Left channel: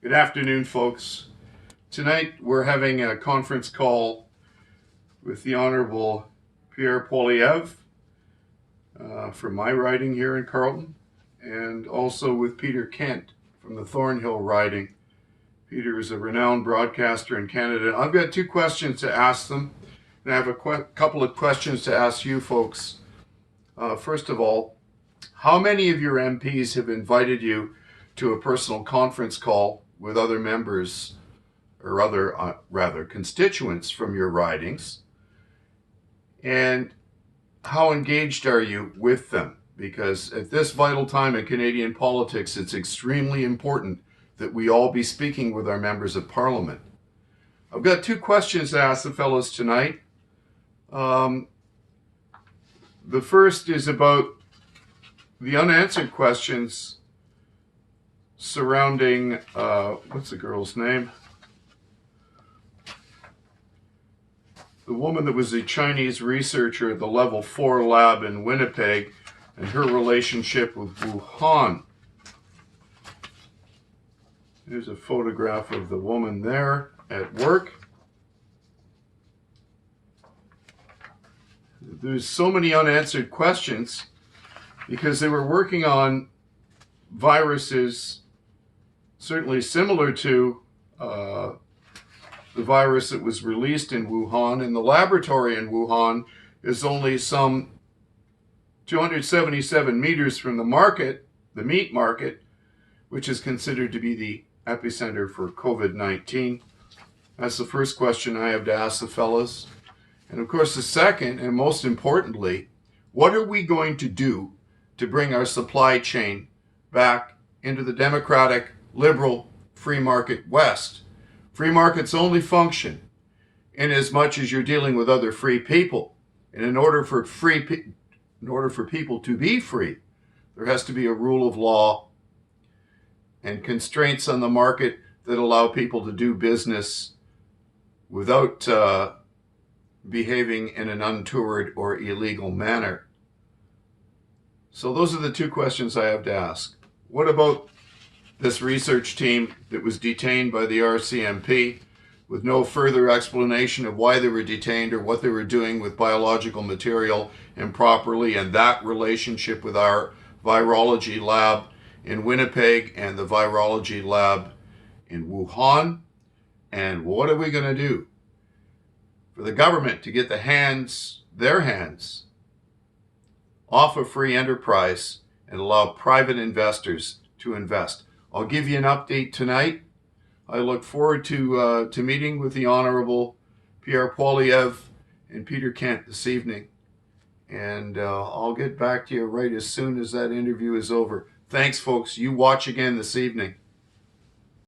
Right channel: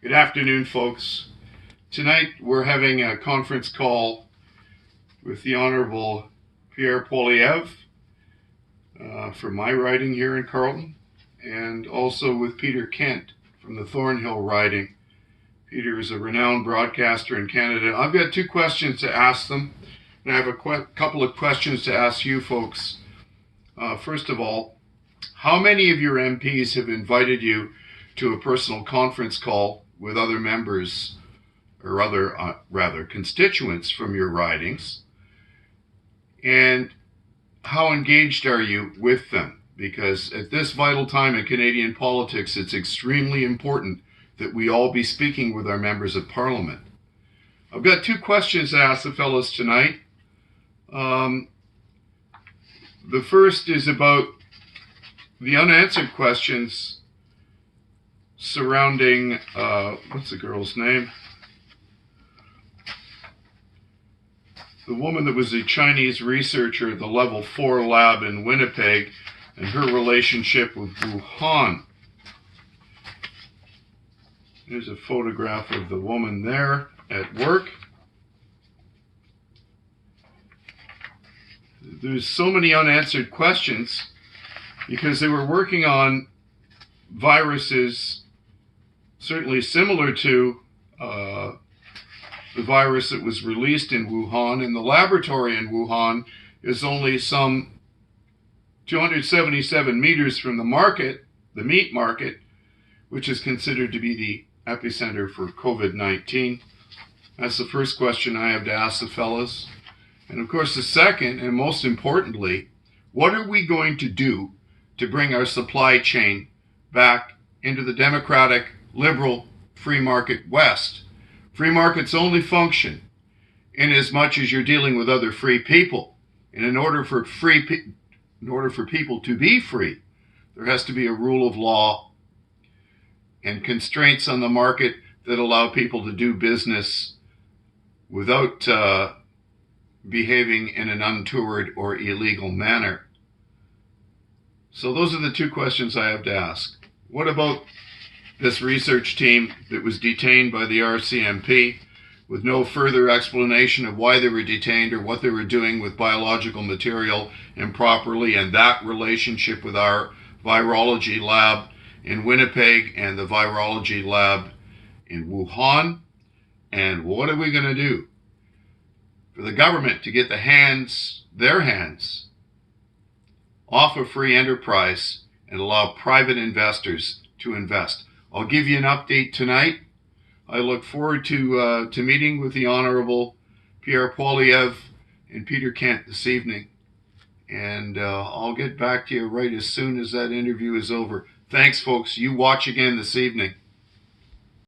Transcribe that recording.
Good afternoon, folks. Tonight we're having a conference call with the Honorable Pierre Poilievre from my riding here in Carleton, and also with Peter Kent from the Thornhill riding. Peter is a renowned broadcaster in Canada. I've got two questions to ask them, and I have a couple of questions to ask you folks. First of all, how many of your MPs have invited you to a personal conference call with other members or other constituents from your ridings? And how engaged are you with them? Because at this vital time in Canadian politics, it's extremely important that we all be speaking with our members of Parliament. I've got two questions to ask the fellows tonight. The first is about the unanswered questions surrounding, what's the girl's name? The woman that was a Chinese researcher at the Level 4 lab in Winnipeg and her relationship with Wuhan. There's a photograph of the woman there at work. There's so many unanswered questions because they were working on viruses certainly similar to the virus that was released in Wuhan, and the laboratory in Wuhan is only some 277 meters from the market, the meat market, which is considered to be the epicenter for COVID-19. That's the first question I have to ask the fellows. And of course, the second, and most importantly, what are we going to do to bring our supply chain back into the democratic, liberal, free market West? Free markets only function in as much as you're dealing with other free people. And in order for people to be free, there has to be a rule of law and constraints on the market that allow people to do business without behaving in an untoward or illegal manner. So those are the two questions I have to ask. What about this research team that was detained by the RCMP with no further explanation of why they were detained or what they were doing with biological material improperly, and that relationship with our virology lab in Winnipeg and the virology lab in Wuhan? And what are we going to do for the government to get their hands off of free enterprise and allow private investors to invest? I'll give you an update tonight. I look forward to meeting with the Honorable Pierre Poilievre and Peter Kent this evening. And I'll get back to you right as soon as that interview is over. Thanks, folks. You watch again this evening.